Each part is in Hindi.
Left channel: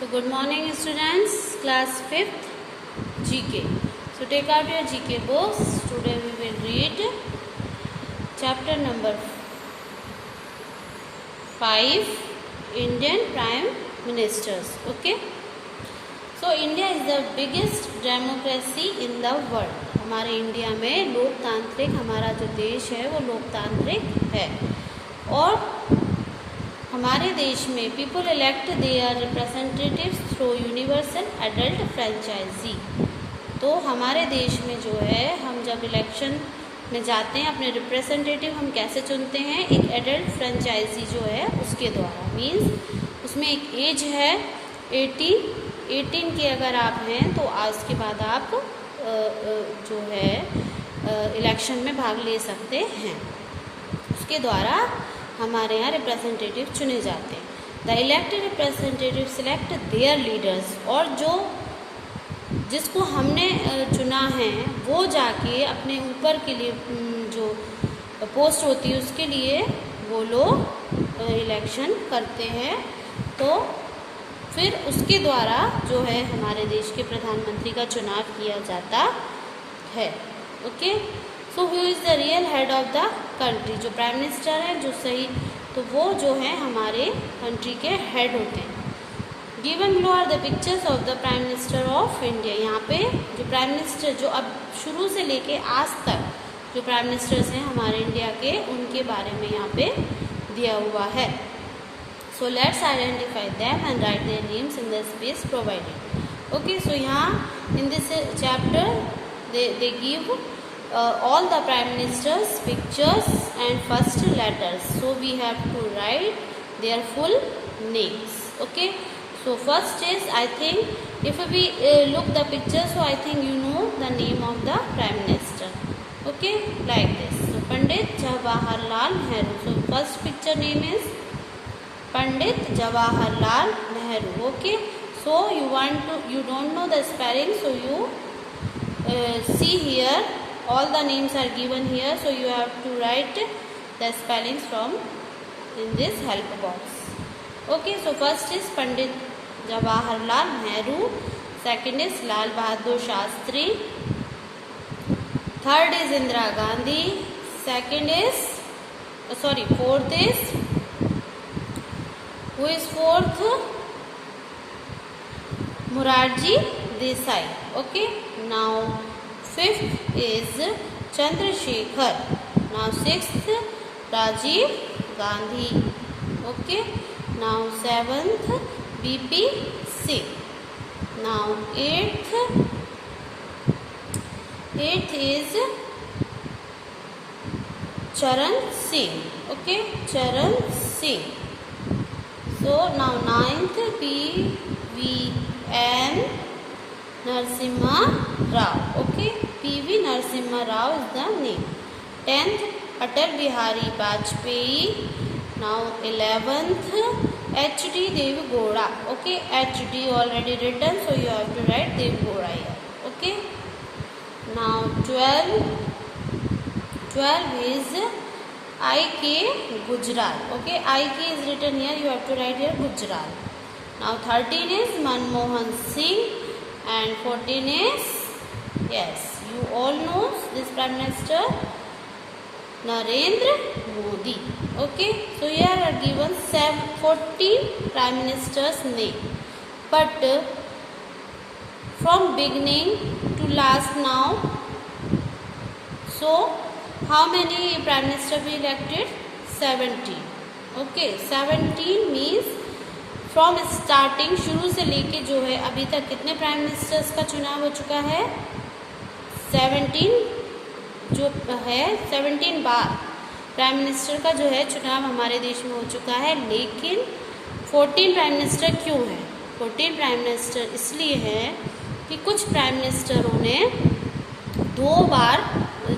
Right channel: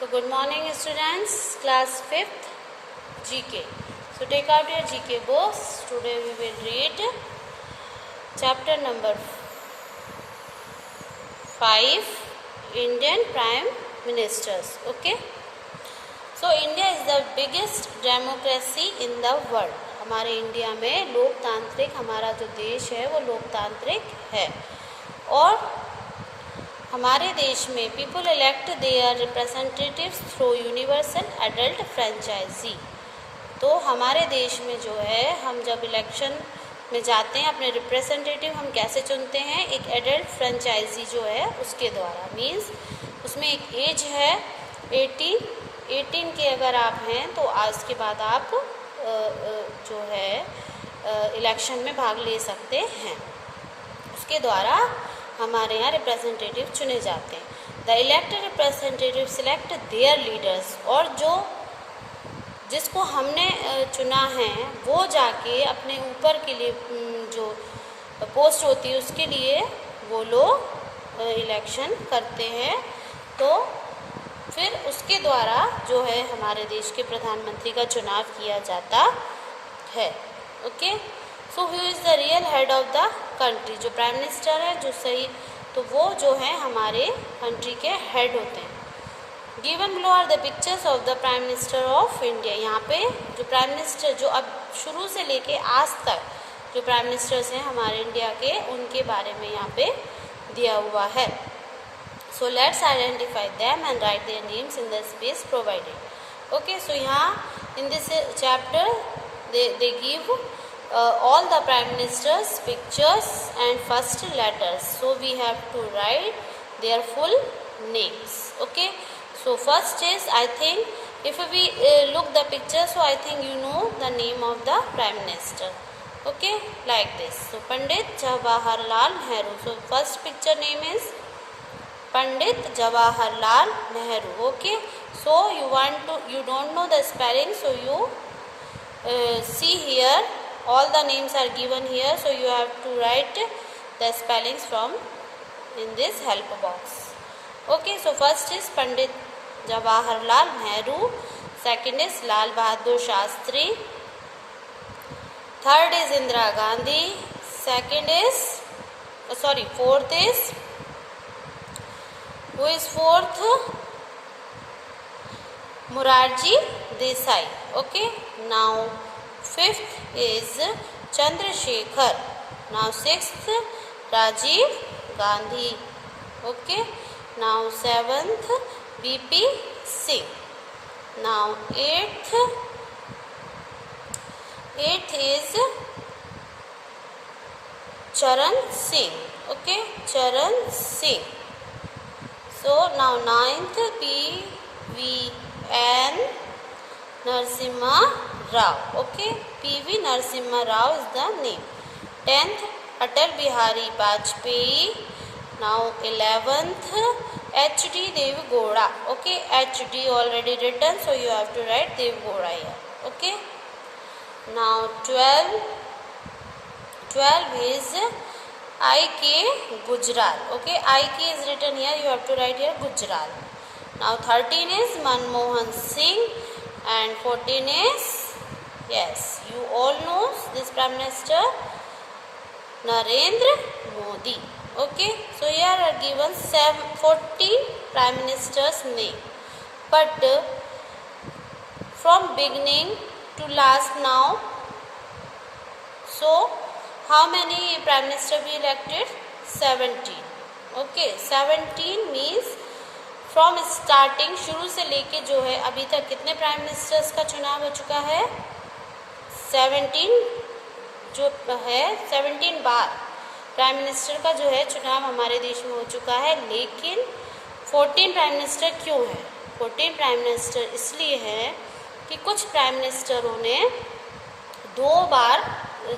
So good morning students, class 5th GK. So take out your GK books. Today we will read chapter number 5, Indian Prime Ministers. Okay. So India is the biggest democracy in the world. हमारे इंडिया में लोकतांत्रिक, हमारा जो देश है वो लोकतांत्रिक है और हमारे देश में people elect their representatives through universal adult franchise. तो हमारे देश में जो है हम जब इलेक्शन में जाते हैं अपने रिप्रेजेंटेटिव हम कैसे चुनते हैं, एक एडल्ट फ्रेंचाइजी जो है उसके द्वारा। मीन्स उसमें एक एज है 18 के अगर आप हैं तो आज के बाद आप जो है इलेक्शन में भाग ले सकते हैं। उसके द्वारा हमारे यहाँ रिप्रेजेंटेटिव चुने जाते हैं। The elected representative select there leaders, और जो जिसको हमने चुना है वो जाके अपने ऊपर के लिए जो पोस्ट होती है उसके लिए वो लोग इलेक्शन करते हैं। तो फिर उसके द्वारा जो है हमारे देश के प्रधानमंत्री का चुनाव किया जाता है। Okay, so who is the real head of the country, जो प्राइम मिनिस्टर है जो सही, तो वो जो है हमारे कंट्री के हेड होते हैं। Given below are the pictures of the prime minister of India. यहाँ पे जो प्राइम मिनिस्टर जो अब शुरू से लेके आज तक जो प्राइम मिनिस्टर्स हैं हमारे इंडिया के, उनके बारे में यहाँ पे दिया हुआ है। So let's identify them and write their names in the space provided. Okay, so यहाँ in this chapter they give all the prime ministers pictures and first letters, so we have to write their full names. Okay, so first is, I think if we look the picture, so I think you know the name of the prime minister. Okay, like this. So Pandit Jawaharlal Nehru. So first picture name is Pandit Jawaharlal Nehru. Okay, so you don't know the spelling, so you see here all the names are given here, so you have to write the spellings from in this help box. Okay, so first is Pandit Jawaharlal Nehru, second is Lal Bahadur Shastri, third is Indira Gandhi, fourth is, who is fourth? Morarji Desai. Okay, now fifth is Chandrasekhar. Now sixth Rajiv Gandhi. Okay, now seventh BP Singh. Now eighth is Charan Singh. Okay, Charan Singh. So now ninth PVN Narasimha Rao. Okay, PV Narasimha Rao is the name. 10th Atal Bihari Vajpayee. Now 11th HD Deve Gowda. Okay, HD already written, so you have to write Deve Gowda here. Okay, now 12 is IK Gujral. Okay, IK is written here, you have to write here Gujral. Now 13 is Manmohan Singh. And 14 is, yes, you all know this Prime Minister, Narendra Modi. Okay, so here are given 14 Prime Ministers' name. But from beginning to last now, so how many Prime Minister we elected? 17. Okay, 17 means from starting, शुरू से लेके जो है अभी तक कितने प्राइम मिनिस्टर्स का चुनाव हो चुका है? 17 जो है 17 बार प्राइम मिनिस्टर का जो है चुनाव हमारे देश में हो चुका है। लेकिन 14 प्राइम मिनिस्टर क्यों है? 14 प्राइम मिनिस्टर इसलिए है कि कुछ प्राइम मिनिस्टरों ने 2 बार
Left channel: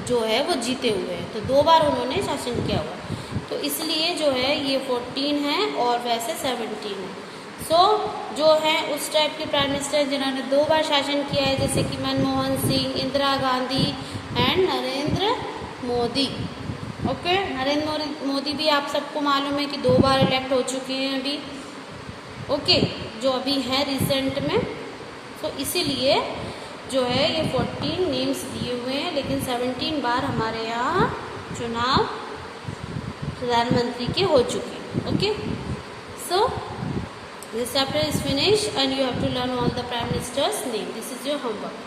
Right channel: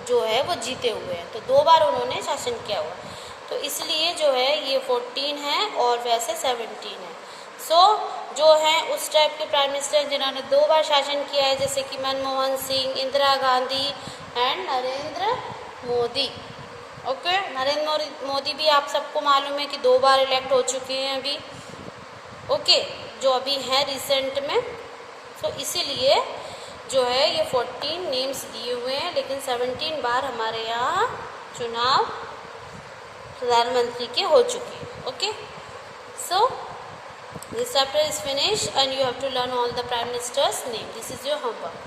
जो है वो जीते हुए हैं, तो 2 बार उन्होंने शासन किया हुआ, तो इसलिए जो है ये 14 है और वैसे 17 है। सो जो है उस टाइप के प्राइम मिनिस्टर जिन्होंने 2 बार शासन किया है, जैसे कि मनमोहन सिंह, इंदिरा गांधी एंड नरेंद्र मोदी। ओके, नरेंद्र मोदी भी आप सबको मालूम है कि 2 बार इलेक्ट हो चुके हैं अभी। ओके, जो अभी हैं रिसेंट में। तो इसीलिए जो है ये 14 नेम्स दिए हुए हैं, लेकिन 17 बार हमारे यहाँ चुनाव प्रधानमंत्री के हो चुके हैं। Okay, so this chapter is finish and you have to learn all the prime ministers name. This is your homework.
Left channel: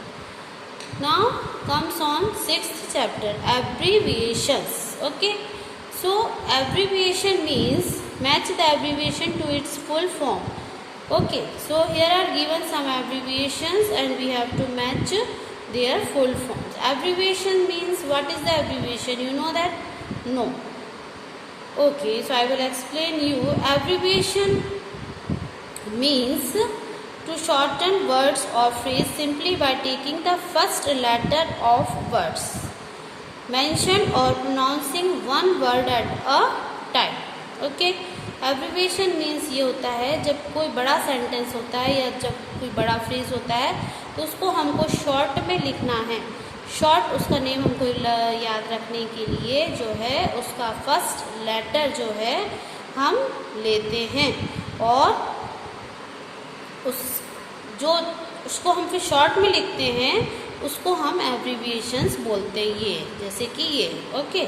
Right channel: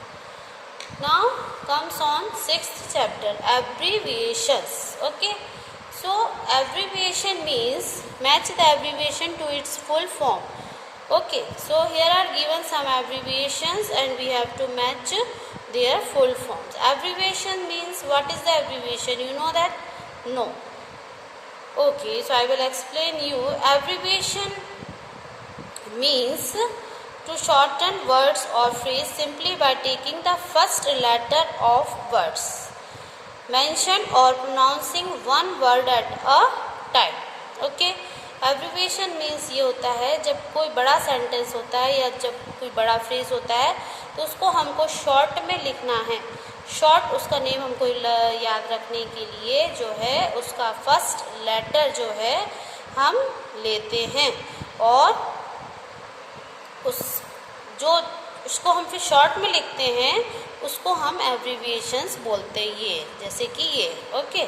Now comes on 6th chapter, abbreviations. Okay, so abbreviation means match the abbreviation to its full form. Okay, so here are given some abbreviations and we have to match their full forms. Abbreviation means, what is the abbreviation? You know that? No. Okay, so I will explain you. Abbreviation means to shorten words or phrase simply by taking the first letter of words mentioned or pronouncing one word at a time. Okay, abbreviation means ये होता है जब कोई बड़ा सेंटेंस होता है या जब कोई बड़ा फ्रेज होता है तो उसको हमको शॉर्ट में लिखना है. शॉर्ट उसका नेम हमको याद रखने के लिए जो है उसका फर्स्ट लेटर जो है हम लेते हैं और उसको हम फिर शॉर्ट में लिखते हैं, उसको हम एब्रीविएशंस बोलते हैं. ये जैसे कि ये. ओके,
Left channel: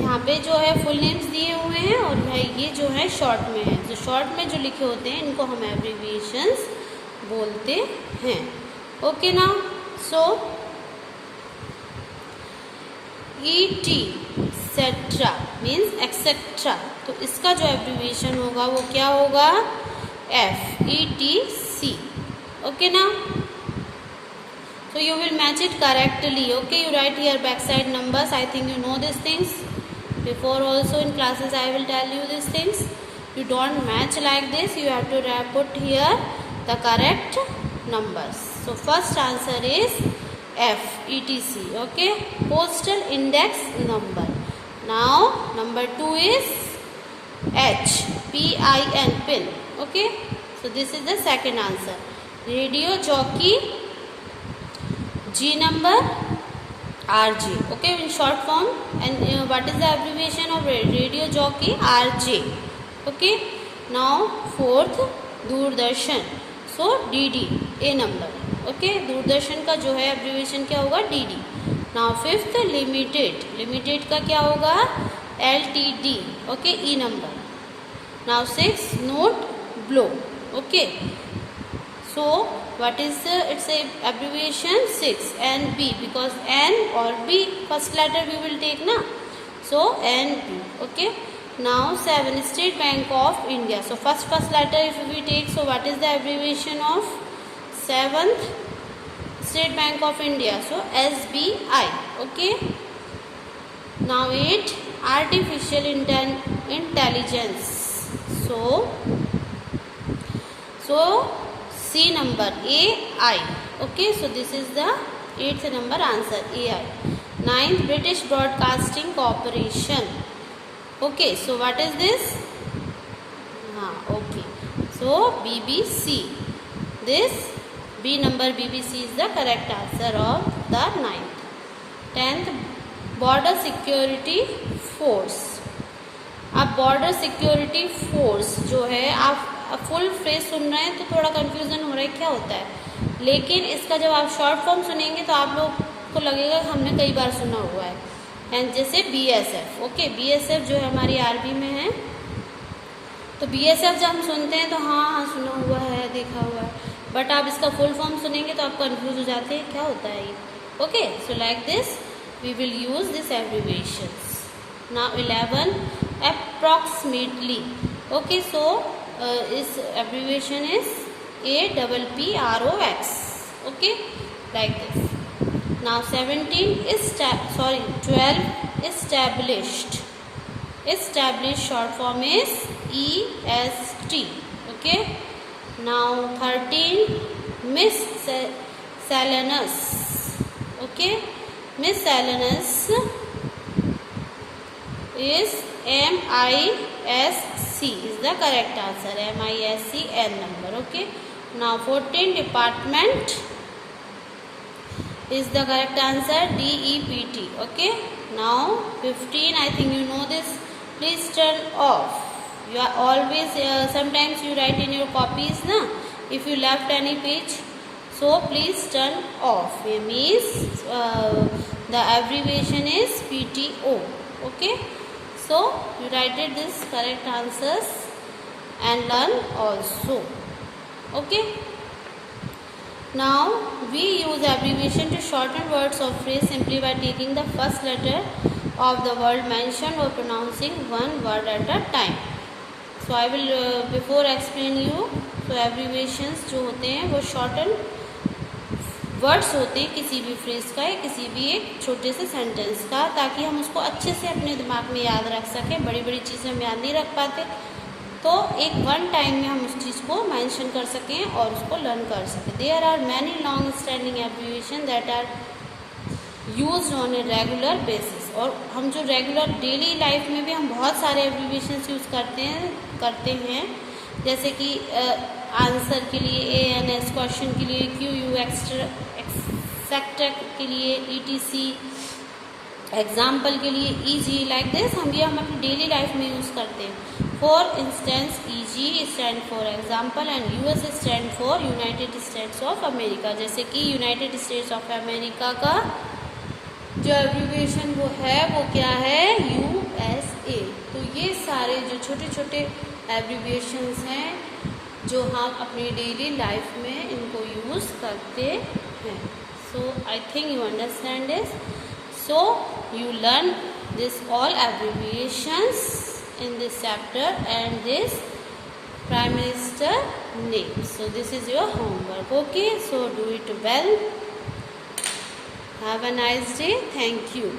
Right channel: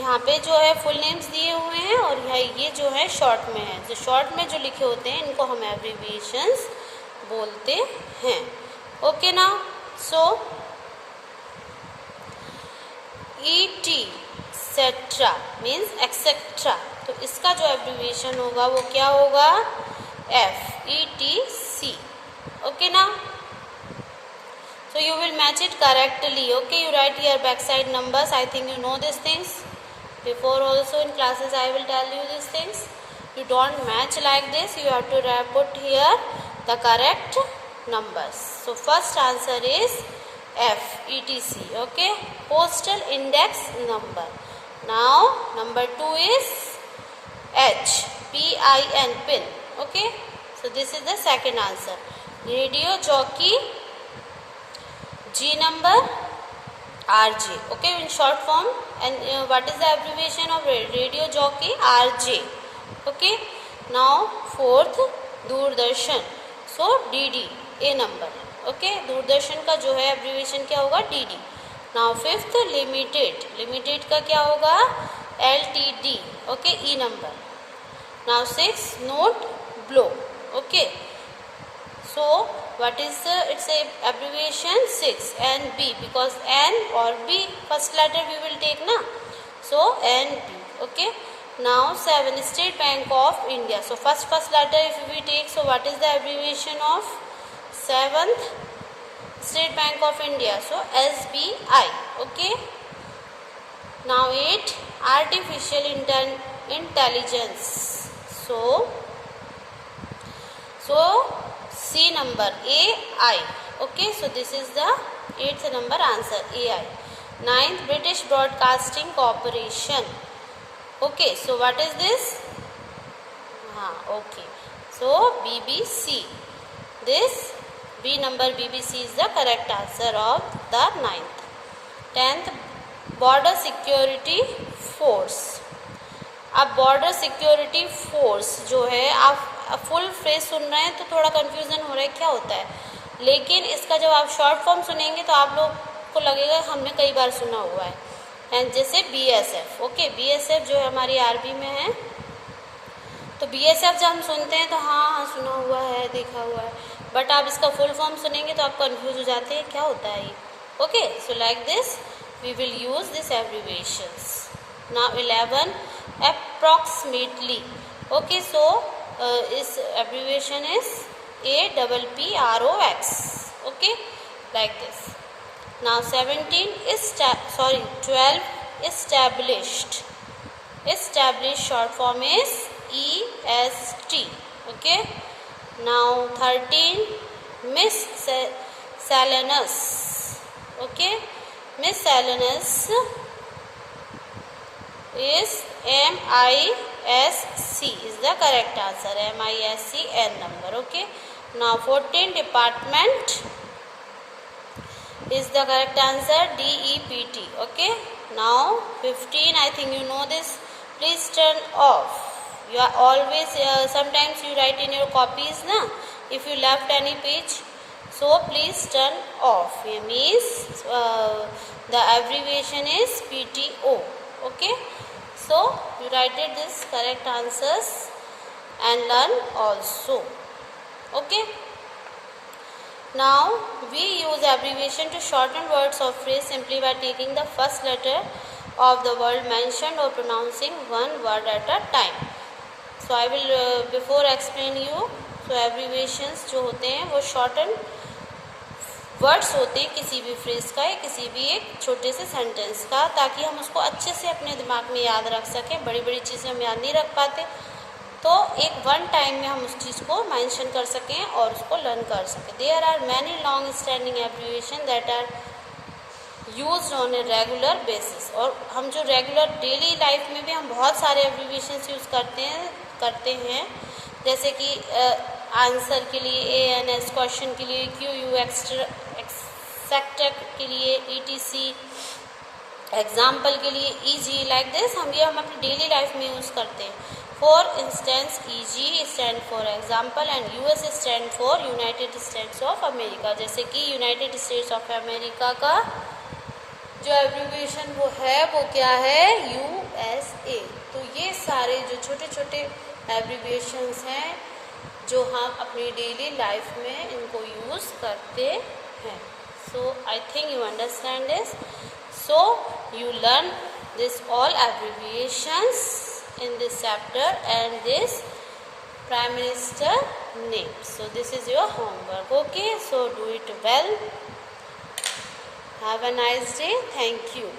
यहाँ पे जो है फुल नेम्स दिए हुए हैं और ये जो है शॉर्ट में है. जो शॉर्ट में जो लिखे होते हैं इनको हम एब्रीविएशंस बोलते हैं. ओके ना. सो ET सेट्रा मीन्स एक्सेट्रा, तो इसका जो एब्रीविएशन होगा वो क्या होगा? FETC. Okay now, so you will match it correctly. Okay, you write here backside numbers. I think you know these things. Before also in classes I will tell you these things. You don't match like this. You have to put here the correct numbers. So first answer is FETC. Okay, postal index number. Now number 2 is H, PIN, pin. Okay, so this is the second answer. Radio jockey, G number, RJ. Okay, in short form. And what is the abbreviation of radio jockey? RJ. Okay, now fourth, Doordarshan. So DD, A number. Okay, Doordarshan का जो है एब्रीविएशन क्या होगा? DD. Now fifth, limited. Limited का क्या होगा? LTD. Okay, E number. Now sixth, note, blow. Okay, so what is its abbreviation? 6 and B, because N or B first letter we will take na, so NB. Okay, now 7, State Bank of India. So first letter if we take, so what is the abbreviation of 7th State Bank of India? So SBI. Okay, now 8, artificial intelligence. So C number, AI. Okay, so this is the 8th number answer, AI. 9th, British Broadcasting Corporation. Okay, so what is this? Okay, so BBC. This B number, BBC is the correct answer of the 9th. 10th, Border Security Force. अब बॉर्डर सिक्योरिटी फोर्स जो है, आप फुल फ्रेज सुन रहे हैं तो थोड़ा कंफ्यूजन हो रहा है क्या होता है, लेकिन इसका जब आप शॉर्ट फॉर्म सुनेंगे तो आप लोग को लगेगा हमने कई बार सुना हुआ है. एंड जैसे BSF. ओके, BSF जो हमारी आर्मी में है, तो BSF जब हम सुनते हैं तो हाँ सुना हुआ है, देखा हुआ है, बट आप इसका फुल फॉर्म सुनेंगे तो आप कंफ्यूज हो जाते हैं क्या होता है ये. Okay, so like this we will use this abbreviations. Now 11, approximately. Okay, so this abbreviation is APPROX. Okay, like this. Now 12, established. Established short form is EST. Okay, now 13, miscellaneous. Okay, miscellaneous is MISC is the correct answer. MISCN number. Okay, now 14, department is the correct answer. DEPT. Okay, now 15, I think you know this. Please turn off You are always, sometimes you write in your copies, na, if you left any page, so please turn off. It means the abbreviation is PTO. Okay, so you write it this correct answers and learn also. Okay, now we use abbreviation to shorten words or phrase simply by taking the first letter of the word mentioned or pronouncing one word at a time. So I will before explain you. So abbreviations जो होते हैं वो shorten वर्ड्स होते हैं किसी भी फ्रेज का या किसी भी एक छोटे से सेंटेंस का, ताकि हम उसको अच्छे से अपने दिमाग में याद रख सकें. बड़ी बड़ी चीज़ें हम याद नहीं रख पाते, तो एक वन टाइम में हम उस चीज़ को मेंशन कर सकें और उसको लर्न कर सकें. There are many long standing abbreviation that are used on a regular basis. और हम जो रेगुलर डेली लाइफ में भी हम बहुत सारे एब्रीविएशन यूज़ करते हैं जैसे कि आंसर के लिए ANS, क्वेश्चन के लिए QU, एक्सेक्ट के लिए ETC, एग्जाम्पल के लिए EG. लाइक दिस हम अपनी डेली लाइफ में यूज़ करते हैं. For instance EG stand for example and US stand for United states of America. जैसे कि यूनाइटेड स्टेट्स ऑफ अमेरिका का जो एब्रीविएशन वो क्या है, USA. तो ये सारे जो छोटे छोटे एब्रीविएशंस हैं जो हम अपनी डेली लाइफ में इनको यूज़ करते हैं. So I think you understand this. So you learn this all abbreviations in this chapter and this Prime Minister name. So this is your homework. Okay, so do it well. Have a nice day. Thank you.